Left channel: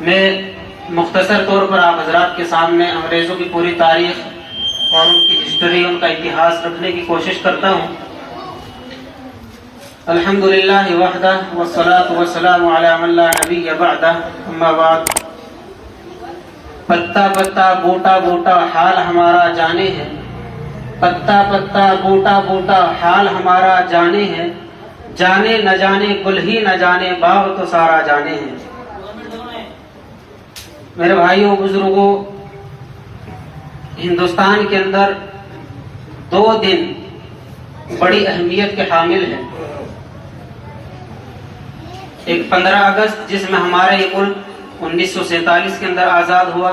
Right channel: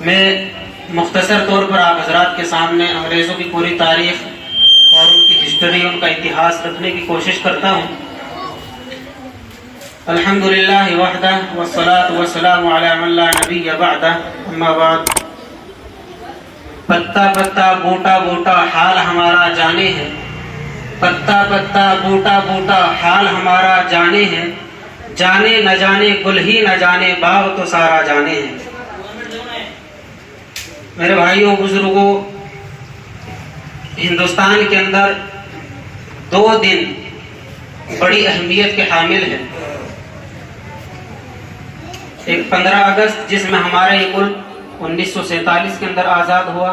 میں مختصر طور پر آپ حضرات کے سامنے انگریزوں کی پوری تاریخ اور ان کی ہسٹری، ان کا اتہاس رکھنے کی کوشش کرتا ہوں۔ الحمدللہ وحدہ والصلاة والسلام علی من لا نبی بعدہ، اما بعد۔ پتا پتا بوٹا بوٹا حال ہمارا جانے ہے، پتا پتا بوٹا بوٹا حال ہمارا جانے ہے، جانے نہ جانے گل ہی نہ جانے باغ تو سارا جانے ہے۔ میرے بھائیوں بزرگوں، ہندوستان کے اندر 2 دن بڑی اہمیت کے حامل ہیں۔ ایک 15 اگست جس میں ہمارا یہ ملک 1947 کے اندر آزاد ہوا،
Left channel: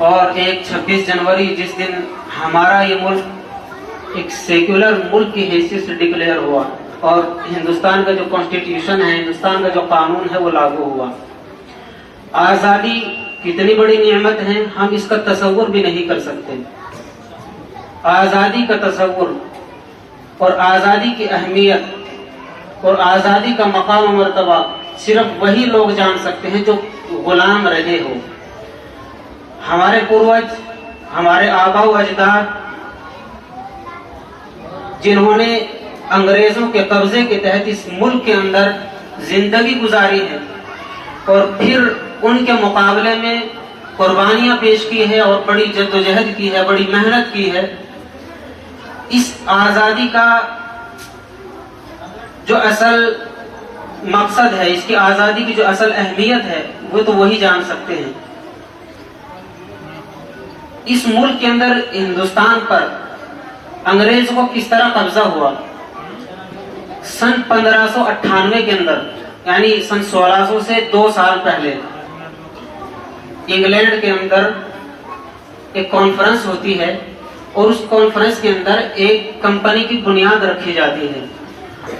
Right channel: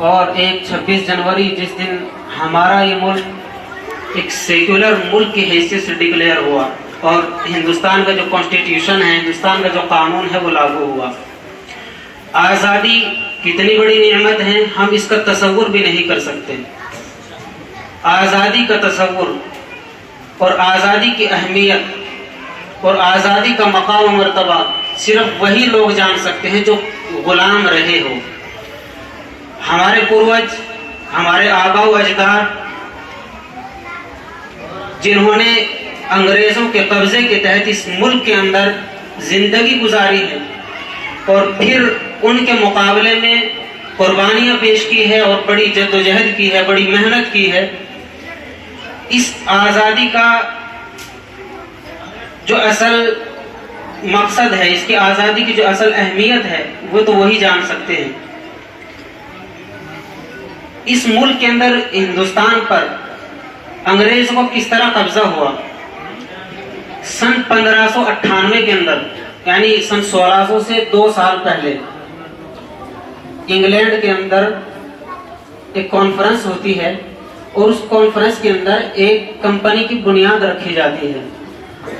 اور ایک 26 جنوری جس دن ہمارا یہ ملک ایک سیکولر ملک کی حیثیت سے ڈکلیئر ہوا، اور ہندوستان کا جو کانسٹیٹیوشن ہے، ہندوستان کا جو قانون ہے وہ لاگو ہوا۔ آزادی کتنی بڑی نعمت ہے، ہم اس کا تصور بھی نہیں کر سکتے۔ آزادی کا تصور اور آزادی کی اہمیت اور آزادی کا مقام و مرتبہ صرف وہی لوگ جان سکتے ہیں جو غلام رہے ہو۔ ہمارے پوروج، ہمارے آباء و اجداد، جنہوں نے انگریزوں کے قبضے کے تحت اس ملک کے اندر زندگی گزاری ہے اور پھر ان کے مقابلے میں قربانیاں پیش کی ہے اور بڑی جد و جہد کی ہے، بڑی محنت کی ہے، اس آزادی کا جو اصل مقصد ہے، اس کی آزادی کی جو اصل اہمیت ہے، وہ تو وہی جان سکتے ہیں۔ اس ملک کے اندر ہندوستان پر انگریزوں کو کس طرح قبضہ ہوا؟ سن 1598 کے اندر، یعنی سن 1600 سے 2 سال پہلے، انگلینڈ کے اندر ایک کانفرنس ہوتی ہے، اور اس کانفرنس کے اندر ایک کمپنی کی بنیاد رکھی جاتی ہے۔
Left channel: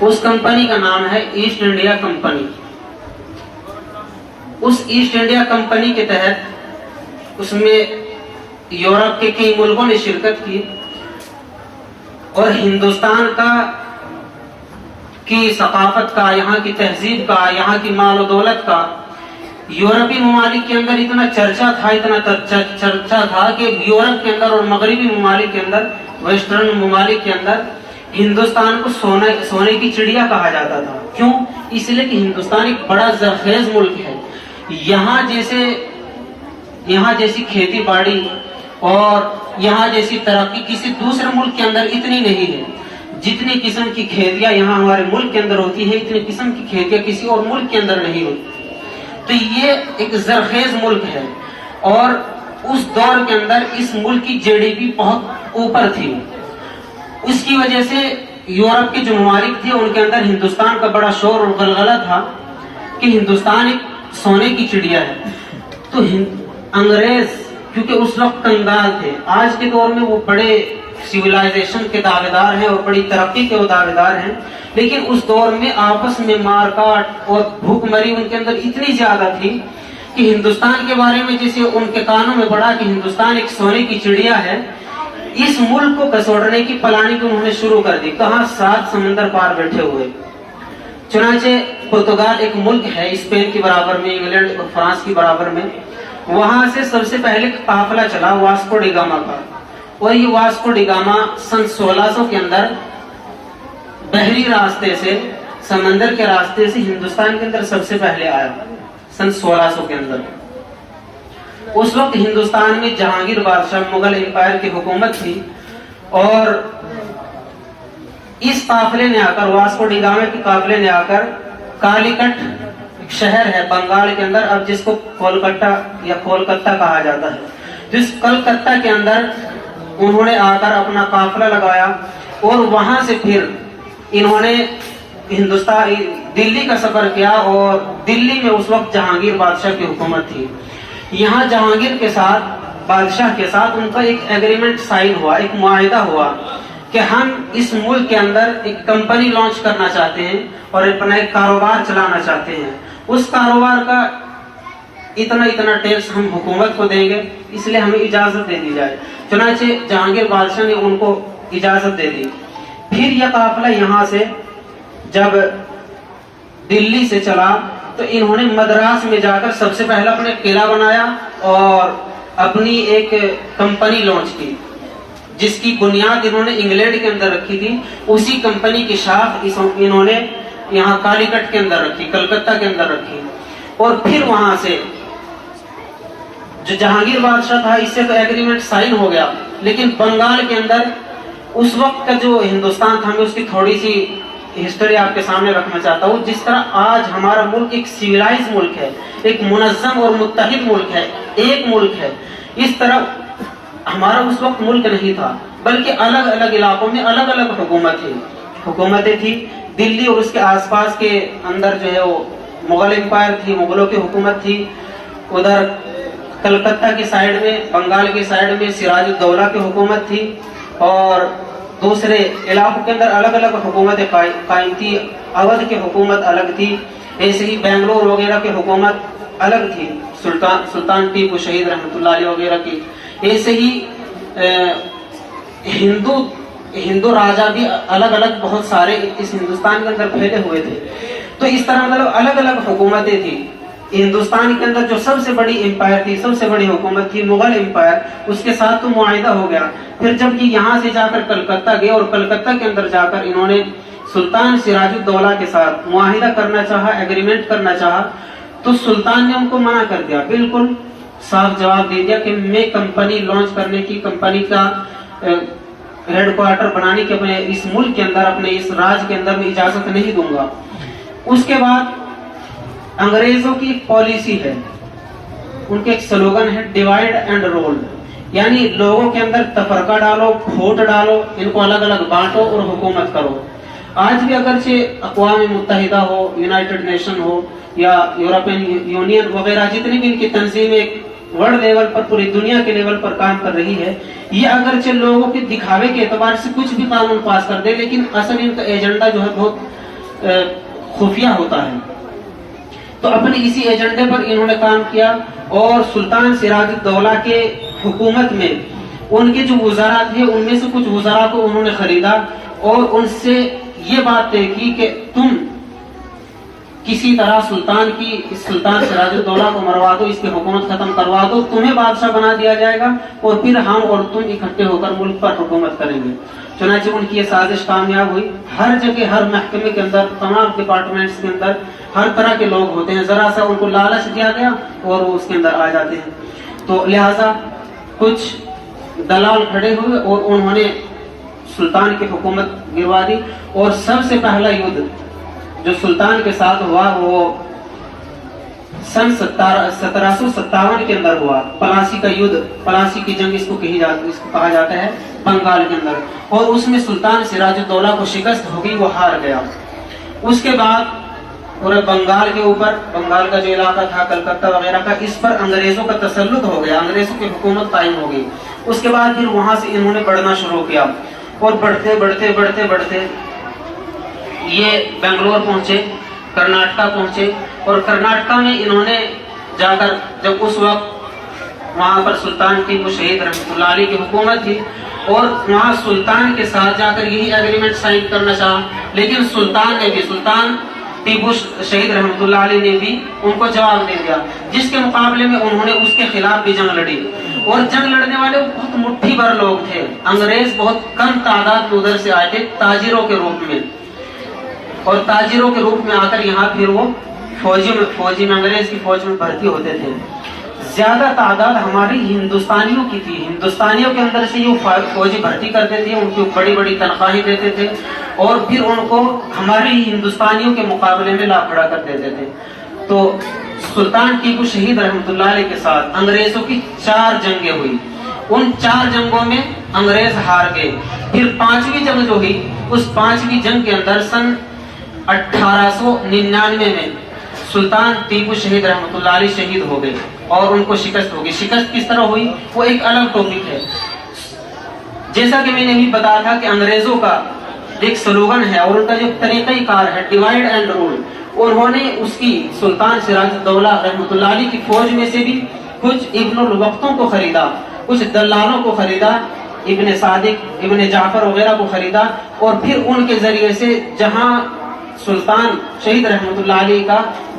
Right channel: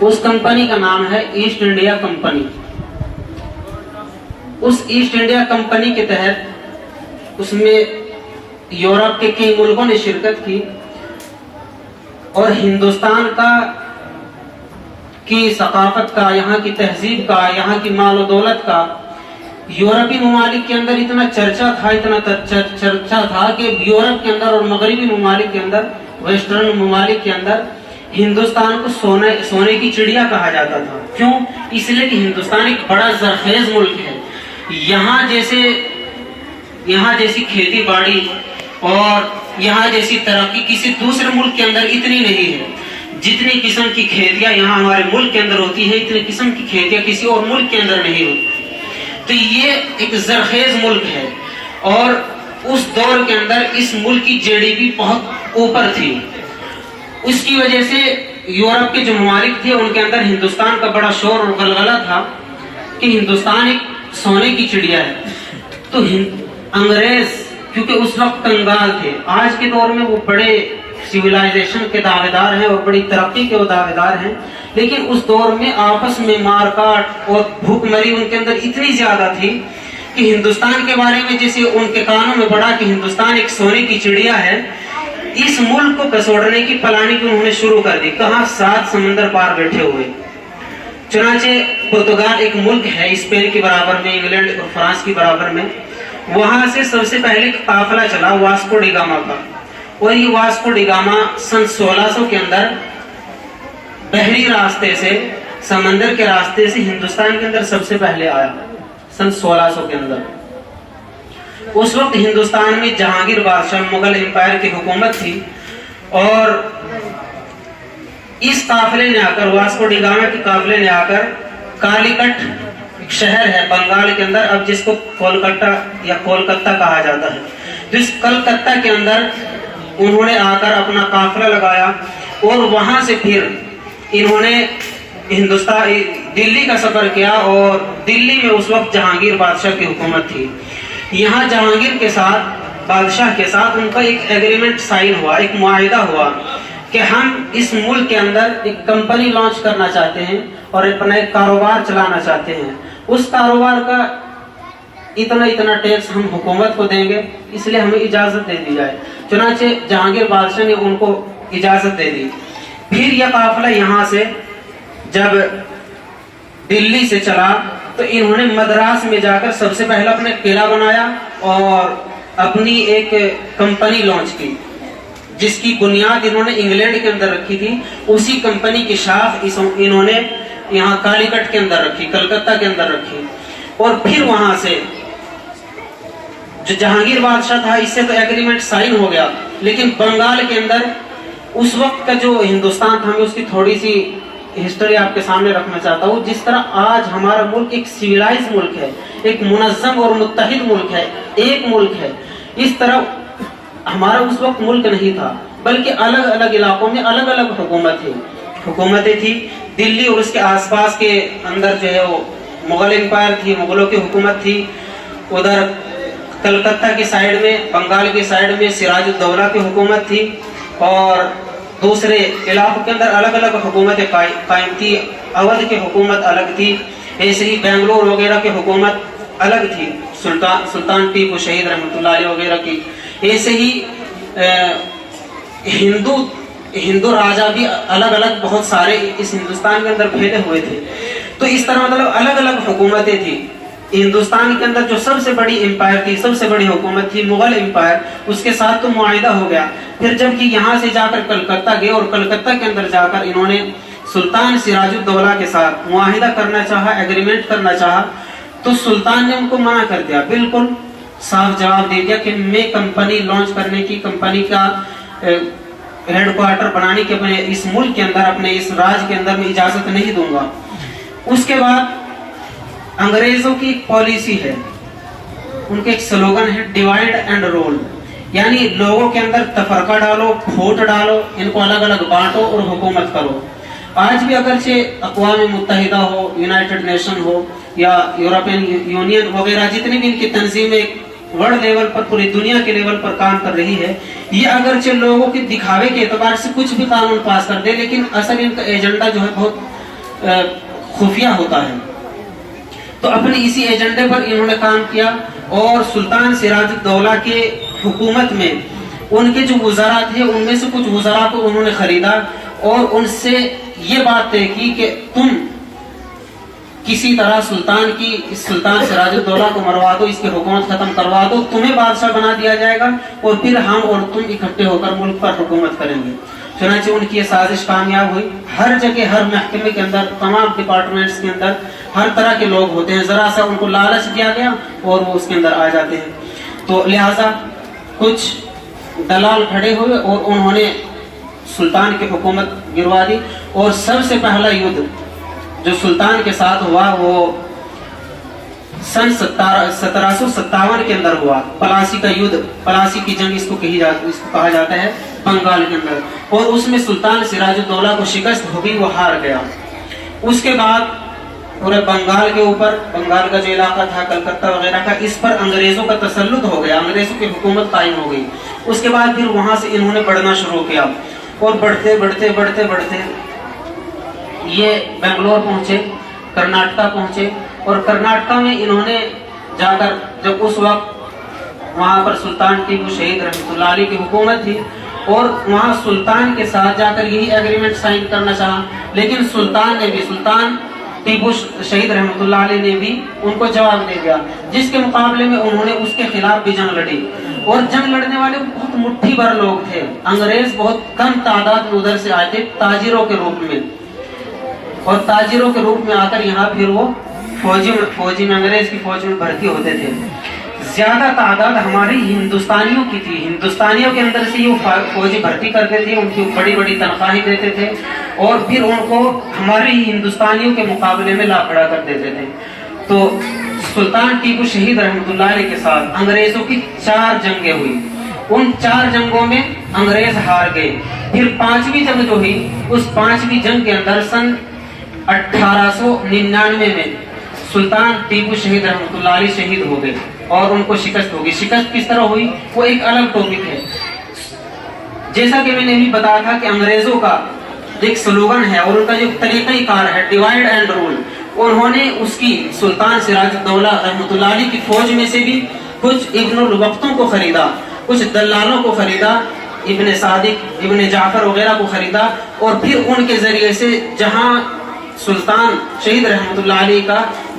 اس کمپنی کا نام ہے ایسٹ انڈیا کمپنی۔ اس ایسٹ انڈیا کمپنی کے تحت اس میں یورپ کے کئی ملکوں نے شرکت کی، اور ہندوستان کی ثقافت کا، یہاں کی تہذیب کا، یہاں کی مال و دولت کا یورپی ممالک کے اندر اتنا چرچا تھا کہ یورپ کے اندر اور مغربی ممالک کے اندر، ویسٹرن ممالک کے اندر ہندوستان کو سونے کی چڑیا کہا جاتا تھا۔ کیوں؟ اس لیے کہ ہندوستان ایک بڑا زرخیز ملک ہے۔ یہاں جیسی کھیتی باڑی اور یہاں جیسی ترقی کسی دوسرے ملک کے اندر اتنی نہیں ہے۔ جتنی قسم کی کھیتیاں یہاں ہمارے ملک کے اندر ہوتی ہیں، اتنی قسم کی کھیتیاں کسی اور ملک کے اندر نہیں ہوتی۔ تو یہ ایک زرخیز ملک ہے، اور اس دور کے اندر اس ملک کی GDP بہت اوپر تھی۔ اس کی وجہ سے یورپ کے جو ممالک تھے ان کے اندر ہندوستان کا بڑا شور اور غلغلہ تھا کہ ہندوستان ایک سونے کی چڑیا ہے۔ تو انگریز کیونکہ اس وقت کنگال تھے، آج کے دور میں وہ بڑے سیولائزیشن کے دعوے دار ہیں اور بڑی ترقی کے وہ دعوے دار ہیں، لیکن اس دور میں آپس میں مار کاٹ اور بھوک مری ان کے اندر اتنی زیادہ تھی کہ ہندوستان کے بارے میں جیسے ان کے کانوں میں پڑا کہ ہندوستان ایک سونے کی چڑیا ہے، اس ملک کو کسوڑنے کی پلاننگ انہوں نے شروع کر دی۔ کہاں؟ 7 سمندر پار بیٹھے ہوئے۔ چنانچہ پرتگال ایک ملک ہے اسپین کی برابر میں، انگلینڈ اور فرانس کی برابر میں، وہاں سے سب سے پہلے قافلہ چلا واسکو ڈی گاما کا، اور یہ واسکو ڈی گاما سن 1600 کے اندر بحری راستے سے، سمندر کے راستے سے ہندوستان کے اندر سب سے پہلے آیا، سن 1600 کے اندر۔ اس وقت ہندوستان میں جہانگیر بادشاہ مغل امپائر کی حکومت تھی، اور اس قافلے نے آ کر، واسکو ڈی گاما کے قافلے نے آ کر کالی کٹ ایک شہر ہے بنگال کے اندر، اب جس کو کولکتہ یا کولکتہ کہا جاتا ہے، تو اس کلکتہ کے اندر انہوں نے آ کر اپنا قافلہ لگایا، اور وہاں سے پھر انہوں نے دلی کا سفر کیا، اور دلی میں اس وقت جہانگیر بادشاہ کی حکومت تھی۔ یہاں جہانگیر کے ساتھ، بادشاہ کے ساتھ ان کا ایک ایگریمنٹ سائن ہوا، ایک معاہدہ ہوا کہ ہم اس ملک کے اندر ایک کمپنی لانچ کرنا چاہتے ہیں اور اپنا ایک کاروبار چلانا چاہتے ہیں، اس کاروبار کا اتنا ٹیکس ہم حکومت کو دیں گے، اس لیے ہمیں اجازت دے دی جائے۔ چنانچہ جہانگیر بادشاہ نے ان کو اجازت دے دی۔ پھر یہ قافلہ یہاں سے جب دلی سے چلا تو انہوں نے مدراس میں جا کر سب سے پہلا اپنے قلعہ بنایا اور اپنی ایک کمپنی لانچ کی، جس کی بنیاد انہوں نے انگلینڈ کے اندر رکھی تھی. اسی کمپنی کی شاخ انہوں نے یہاں کالی کٹ کے اندر رکھی، کلکتہ کے اندر رکھی. اور پھر وہاں سے جو جہانگیر بادشاہ تھا اس سے تو ایگریمنٹ سائن ہو گیا، لیکن بنگال کے اندر اس وقت کا جو ہندوستان تھا، میں اس کی تھوڑی سی ہسٹری آپ کے سامنے رکھنا چاہتا ہوں. جس طرح آج ہمارا ملک ایک سویلائز ملک ہے، ایک منظم اور متحد ملک ہے، ایک ملک ہے، اس طرح ہمارا اس وقت ملک نہیں تھا، بلکہ الگ الگ علاقوں میں الگ الگ حکومتیں تھی. دلی اور اس کے آس پاس کے اندر جو ہے وہ مغل امپائر تھی، مغلوں کی حکومت تھی. ادھر کلکتہ کی سائیڈ میں، بنگال کی سائیڈ میں سراج الدولہ کی حکومت تھی، اور دوسرے علاقوں کے اندر الگ الگ حکومتیں قائم تھی. اودھ کی حکومت الگ تھی، ایسے ہی بنگلور وغیرہ کی حکومت الگ تھی، سلطان ٹیپو شہید رحمۃ اللہ علیہ وغیرہ کی. ایسے ہی ہندو راجا بھی الگ الگ بہت سارے اس ہندوستان کے اندر پھیلے ہوئے تھے. تو اس طرح مطلب الگ الگ حکومتیں تھیں. ہندوستان کے اندر جو سب سے بڑی امپائر تھی، سب سے بڑی حکومت تھی مغل امپائر، اس کے ساتھ تو معاہدہ ہو گیا. پھر جب کہ یہاں سے جا کر کلکتہ گئے اور کلکتہ کے اندر جا کر انہوں نے سلطان سراج الدولہ کے ساتھ معاہدہ کرنا چاہا، ایگریمنٹ کرنا چاہا، تو سلطان نے ان کو منع کر دیا. بالکل صاف جواب دے دیا کہ میں کمپنی لانچ کرنے کی، کمپنی کا ہیڈ کوارٹر بنانے کے اپنے اس ملک کے اندر، اپنے اس راج کے اندر میں اجازت نہیں دوں گا. اس کے بعد انگریزوں کی ایک پالیسی ہے، ان کے ایک سلوگن ہے ڈیوائڈ اینڈ رول، یعنی لوگوں کے اندر تفرقہ ڈالو، پھوٹ ڈالو، ان کو الگ الگ بانٹو اور حکومت کرو. آج بھی اگرچہ اقوام متحدہ ہو، یونائٹڈ نیشن ہو یا یورپین یونین وغیرہ، جتنی بھی ان کی تنظیمیں ورلڈ لیول پر، پوری دنیا کے لیول پر کام کر رہی ہے، یہ اگرچہ لوگوں کے دکھاوے کے اعتبار سے کچھ بھی قانون پاس کر دے، لیکن اصل ان کا ایجنڈا جو ہے بہت خفیہ ہوتا ہے. تو اپنے اسی ایجنڈے پر انہوں نے کام کیا، اور سلطان سراج الدولہ کے حکومت میں ان کے جو وزراء تھے، ان میں سے کچھ وزراء کو انہوں نے خریدا اور ان سے یہ بات طے کی کہ تم کسی طرح سلطان سراج الدولہ کو مروا دو، اس کی حکومت ختم کروا دو، تمہیں بادشاہ بنا دیا جائے گا اور پھر ہم اور تم اکٹھے ہو کر ملک پر حکومت کریں گے. چنانچہ ان کی یہ سازش کامیاب ہوئی. ہر جگہ، ہر محکمے کے اندر، تمام ڈپارٹمنٹس کے اندر ہر طرح کے لوگ ہوتے ہیں، ذرا سا ان کو لالچ دیا گیا اور وہ اس کے اندر آ جاتے ہیں. تو لہٰذا کچھ دلال کھڑے ہوئے اور انہوں نے سلطان کی حکومت گروا دی. اور سب سے پہلا یدھ جو سلطان کے ساتھ ہوا وہ سن 1757 کے اندر ہوا. پلاسی کا یدھ، پلاسی کی جنگ اس کو کہا جاتا ہے، بنگال کے اندر. اور اس میں سلطان سراج الدولہ کو شکست ہو گئی، وہ ہار گیا. اس کے بعد پورے بنگال کے اوپر، بنگال کا جو علاقہ تھا کلکتہ وغیرہ کا، اس پر انگریزوں کا تسلط ہو گیا، انگریزوں کی حکومت قائم ہو گئی. اس کے بعد پھر وہاں سے انہوں نے بڑھنا شروع کیا، اور بڑھتے بڑھتے بڑھتے بڑھتے یہ بنگلور پہنچے، کرناٹکا پہنچے. اور کرناٹکا میں انہوں نے جا کر، جب اس وقت وہاں پر سلطان ٹیپو شہید رحمۃ اللہ علیہ کی حکومت تھی، اور وہاں سلطان کے ساتھ جا کر یہی ایگریمنٹ سائن کرنا چاہا، لیکن سلطان ٹیپو شہید رحمۃ اللہ علیہ نے بھی ان کو جواب دے دیا، جس کے مقابلے میں انہوں نے اس کے خلاف بھی جنگ لڑی. اور جنگ لڑنے والے بہت مٹھی بھر لوگ تھے. انگریز بہت کم تعداد میں ادھر سے آئے تھے تاجروں کے روپ میں، اور تاجروں کے روپ میں آ کر یہاں پھر وہ فوجی میں انگریز کی فوج میں بھرتی ہوتے تھے. زیادہ تعداد ہماری ہندوستانیوں کی تھی. ہندوستانیوں کے اندر سے یہ فوجی بھرتی کرتے تھے، ان کی بڑی بڑی تنخواہیں دیتے تھے، اور پھر ان کو ہماری ہندوستانیوں کے مقابلے میں لا کھڑا کر دیتے تھے. تو سلطان ٹیپو شہید رحمۃ اللہ علیہ کے ساتھ انگریزوں کی 4 جنگیں ہوئی. ان 4 جنگوں میں انگریز ہار گئے. پھر 5ویں جنگ جو ہوئی، اس 5ویں جنگ کے اندر سن 1899 میں سلطان ٹیپو شہید رحمۃ اللہ علیہ شہید ہو گئے اور ان کو شکست ہو گئی. شکست کس طرح ہوئی وہ ایک الگ ٹاپک ہے. جیسا کہ میں نے بھی بتایا تھا کہ انگریزوں کا ایک سلوگن ہے اور ان کا جو طریقہ کار ہے ڈیوائڈ اینڈ رول. انہوں نے اس کی سلطان سراج الدولہ رحمۃ اللہ علیہ کی فوج میں سے بھی کچھ ابن الوقتوں کو خریدا، کچھ دلالوں کو خریدا، ابن صادق، ابن جعفر وغیرہ کو خریدا، اور پھر ان کے ذریعے سے جہاں سلطان شہید رحمۃ اللہ علیہ کا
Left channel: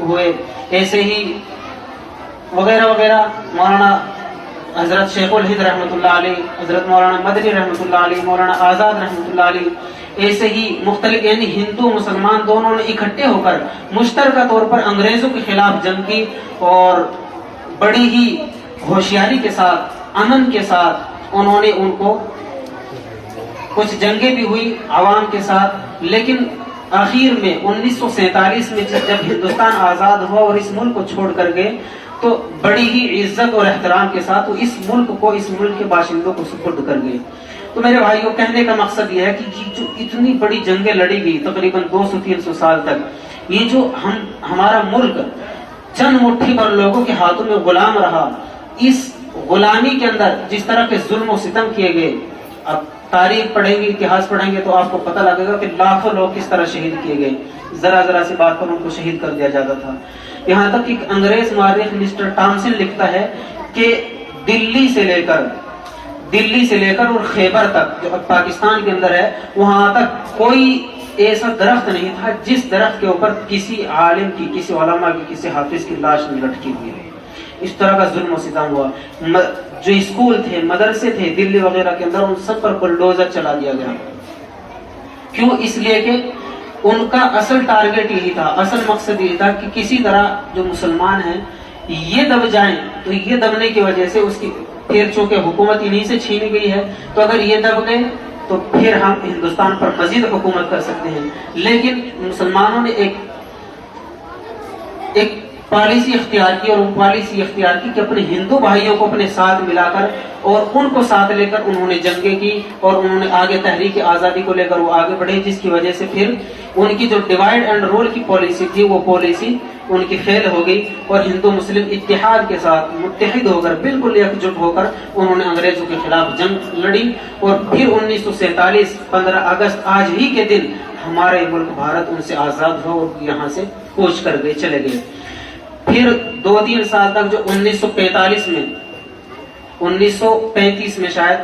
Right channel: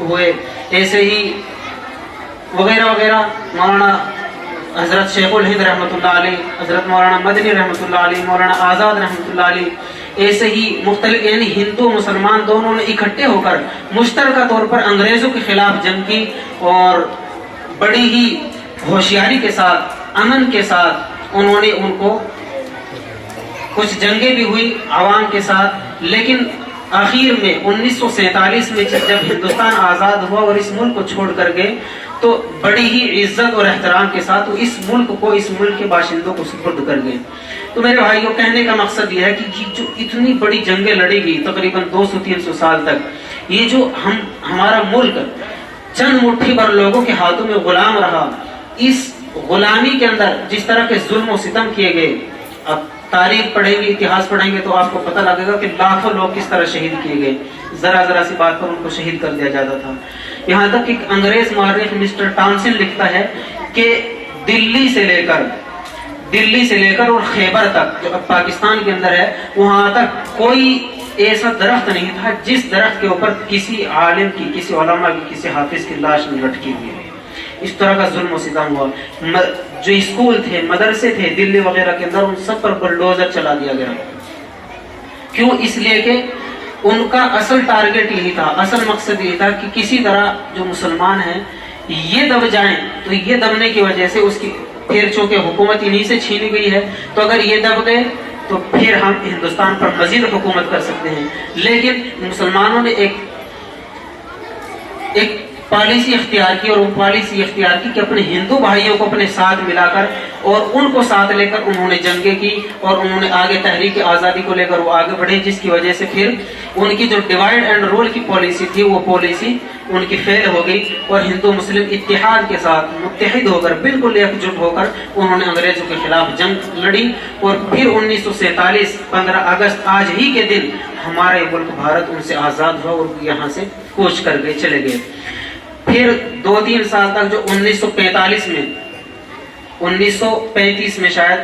ہوئے، ایسے ہی وغیرہ وغیرہ، مولانا حضرت شیخ الہند رحمۃ اللہ علیہ، حضرت مولانا مدنی رحمۃ اللہ علیہ، مولانا آزاد رحمۃ اللہ علیہ، ایسے ہی مختلف یعنی ہندو مسلمان دونوں نے اکٹھے ہو کر مشترکہ طور پر انگریزوں کے خلاف جنگ کی، اور بڑی ہی ہوشیاری کے ساتھ، امن کے ساتھ انہوں نے ان کو، کچھ جنگیں بھی ہوئی عوام کے ساتھ، لیکن آخر میں 1947 میں جب ہندوستان آزاد ہوا اور اس ملک کو چھوڑ کر گئے تو بڑی ہی عزت اور احترام کے ساتھ وہ اس ملک کو، اس ملک کے باشندوں کو سپرد کر گئے۔ تو میرے بھائیوں، کہنے کا مقصد یہ ہے کہ جو اتنی بڑی جنگیں لڑی گئی تقریباً 200-300 سال تک، یہ جو ہمارا ملک چند مٹھی بھر لوگوں کے ہاتھوں میں غلام رہا، اس غلامی کے اندر جس طرح کے ظلم و ستم کیے گئے، اب تاریخ پڑھیں گے، اتہاس پڑھیں گے تو آپ کو پتہ لگے گا کہ لاکھوں لوگ کس طرح شہید کیے گئے، ذرا ذرا سی بات پر ان کو شہید کر دیا جاتا تھا۔ یہاں تک کہ انگریز مورخ مسٹر ٹامسن لکھتا ہے کہ دلی سے لے کر اور خیبر تک، جو اب پاکستان کے اندر ہے، وہاں تک کوئی ایسا درخت نہیں تھا جس درخت کے اوپر کسی عالم کی، کسی علماء کی، کسی حافظ کی لاش نہیں لٹکی ہوئی ہے۔ اس طرح کا ظلم و ستم ہوا۔ جو اسکول تھے، مدرسے تھے دلی وغیرہ کے اندر، ان سب پر بلڈوزر چلا دیا گیا۔ کیوں؟ اس لیے کہ ان کا اصل ٹارگٹ یہی تھا، اصل مقصد یہی تھا کہ کسی طرح جو مسلمان ہیں یہ دب جائیں، تو یہ دبنے کی وجہ سے اس کی پھر چونکہ حکومت انہی سے چھینی گئی ہے، تو اگر یہ دب گئے تو پھر ہم ہندوستان پر مزید حکومت کر سکتے ہیں۔ لیکن مسلمانوں نے ایک پالیسی اختیار کی، اور وہ پالیسی اختیار کی کہ اپنے ہندو بھائیوں کو اپنے ساتھ ملا کر اور ان کو ساتھ لے کر انہوں نے جنگیں کی، اور انہوں نے آگے تحریک آزادی کو لے کر وہ آگے بڑھے، جس کی وجہ سے پھر ان کی جو ڈیوائڈ اینڈ رول کی پالیسی تھی وہ پالیسی ان کی فیل ہو گئی، اور ہندو مسلم اتحاد کے ساتھ متحد ہو کر، بالکل ایک جٹ ہو کر انہوں نے انگریزوں کے خلاف جنگ لڑی، اور پھر 1947 15 اگست آج ہی کے دن ہمارا یہ ملک بھارت ان سے آزاد ہوا اور یہاں سے کوچ کر گئے، چلے گئے۔ پھر 2-3 سال تک جو 1935 میں شاید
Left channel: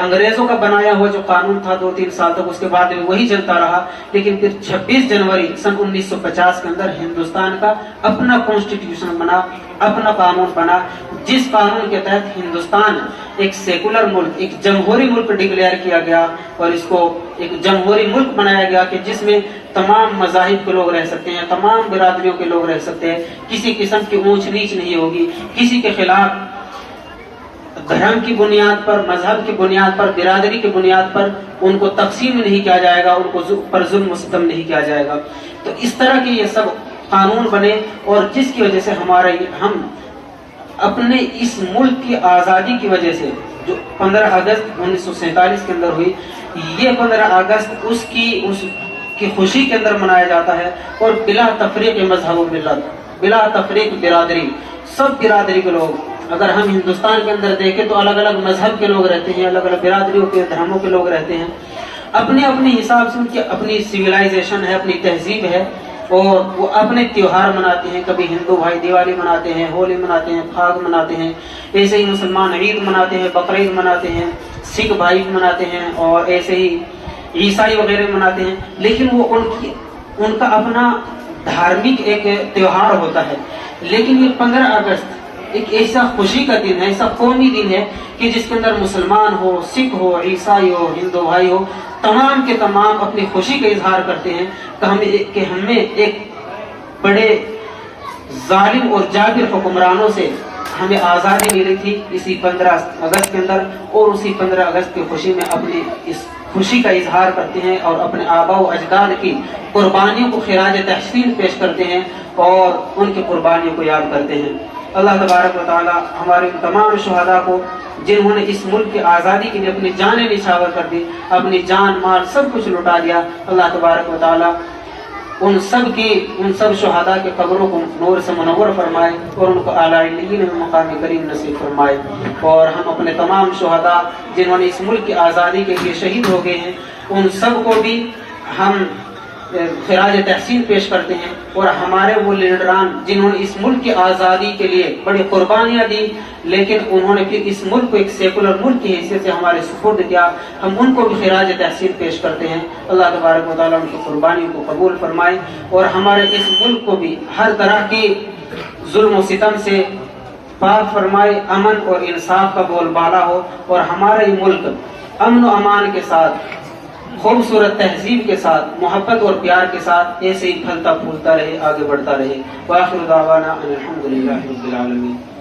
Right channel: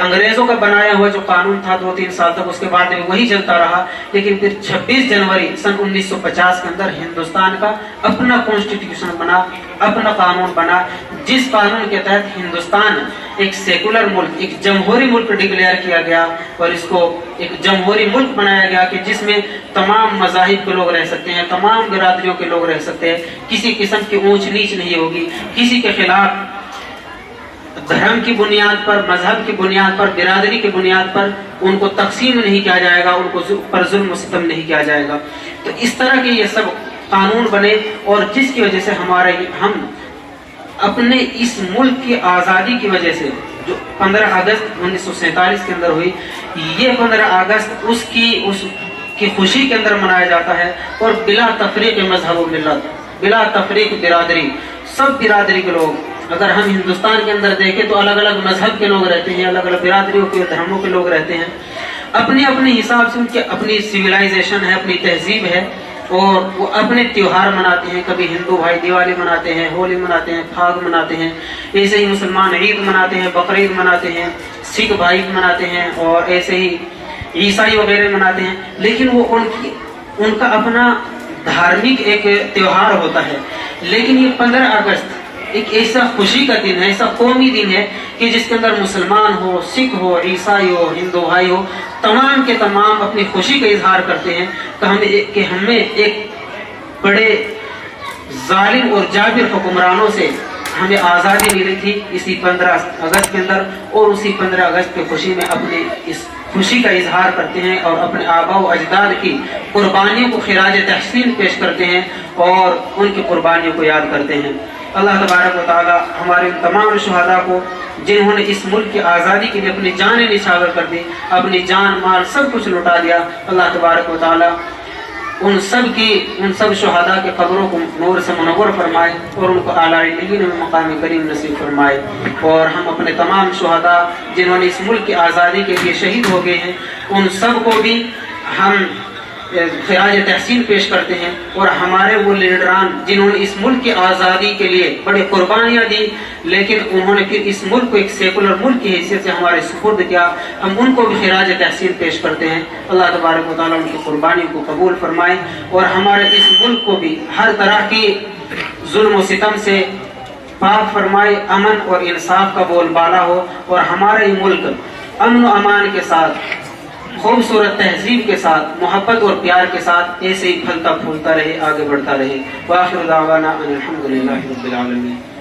انگریزوں کا بنایا ہوا جو قانون تھا، 2-3 سال تک اس کے بعد وہی چلتا رہا، لیکن پھر 26 جنوری سن 1950 کے اندر ہندوستان کا اپنا کانسٹیٹیوشن بنا، اپنا قانون بنا، جس قانون کے تحت ہندوستان ایک سیکولر ملک، ایک جمہوری ملک ڈکلیئر کیا گیا، اور اس کو ایک جمہوری ملک بنایا گیا کہ جس میں تمام مذاہب کے لوگ رہ سکتے ہیں، تمام برادریوں کے لوگ رہ سکتے ہیں، کسی قسم کی اونچ نیچ نہیں ہوگی، کسی کے خلاف دھرم کی بنیاد پر، مذہب کی بنیاد پر، برادری کی بنیاد پر ان کو تقسیم نہیں کیا جائے گا، ان کو پر ظلم و ستم نہیں کیا جائے گا۔ تو اس طرح کے یہ سب قانون بنے، اور جس کی وجہ سے ہم اپنے اس ملک کی آزادی کی وجہ سے، جو 15 اگست 1947 کے اندر ہوئی، یہ 15 اگست اس کی خوشی کے اندر منایا جاتا ہے، اور بلا تفریق مذہب و ملت، بلا تفریق برادری، سب برادری کے لوگ، اگر ہم ہندوستان کے اندر دیکھیں تو الگ الگ مذہب کے لوگ رہتے ہیں، الگ الگ برادریوں کے، دھرموں کے لوگ رہتے ہیں، اپنے اپنے حساب سے ان کی اپنی سویلائزیشن ہے، اپنی تہذیب ہے، اور وہ اپنے تیوہار مناتے ہیں۔ کبھی ہندو بھائی دیوالی مناتے ہیں، ہولی مناتے ہیں، پھاگ مناتے ہیں، ایسے ہی مسلمان عید مناتے ہیں، بقرعید مناتے ہیں، سکھ بھائی مناتے ہیں، اور ایسے ہی عیسائی وغیرہ مناتے ہیں، لیکن وہ ان کا اپنا دھارمک ایک تیوہار ہوتا ہے۔ لیکن یہ 15 اگست ایک ایسا خوشی کا دن ہے، ایسا قومی دن ہے کہ جس کے اندر مسلمان ہو، سکھ ہو، عیسائی ہو، ہندو بھائی ہو، تمام کے تمام اپنی خوشی کا اظہار کرتے ہیں کہ ہمیں ایک بڑے ظالم اور جابر حکمرانوں سے ہمیں آزادی ملی تھی اسی 15 اگست کے اندر، اور اسی 15 اگست کی خوشی میں اپنی اس خوشی کا اظہار کرتے ہیں، اور اپنے آباء و اجداد کی قربانیوں کو خراج تحسین پیش کرتے ہیں، اور ان کی قربانیوں کو یاد کرتے ہیں۔ اللہ تبارک و تعالی ہمارے ان تمام شہداء کو، جنہوں نے اس ملک کی آزادی کے لیے اپنی جانیں نچھاور کر دی، اپنی جان مال سب کچھ لٹا دیا، اللہ تبارک و تعالی ان سب شہداء کے قبروں کو نور سے منور فرمائے، اور ان کو اعلیٰ علیین میں مقام کریم نصیب فرمائے، اور ہم اپنے تمام شہداء جنہوں نے اس ملک کی آزادی کے لیے شہید ہو گئے ہیں، ان سب کو بھی ہم خراج تحسین پیش کرتے ہیں، اور ہمارے وہ لیڈران جنہوں نے اس ملک کی آزادی کے لیے بڑی قربانیاں دی، لیکن انہوں نے پھر اس ملک کو ایک سیکولر ملک کی حیثیت سے ہمارے سپرد کیا، ہم ان کو بھی خراج تحسین پیش کرتے ہیں۔ اللہ تبارک و تعالیٰ ان کی قربانیوں کو قبول فرمائے، اور ہمارے اس ملک کو بھی ہر طرح کی ظلم و ستم سے پاک فرمائے، امن اور انصاف کا بول بالا ہو، اور ہمارا یہ ملک امن و امان کے ساتھ، خوبصورت تہذیب کے ساتھ، محبت اور پیار کے ساتھ ایسے ہی پھلتا پھولتا رہے، آگے بڑھتا رہے۔ وآخر دعوانا ان الحمد للہ رب العالمین۔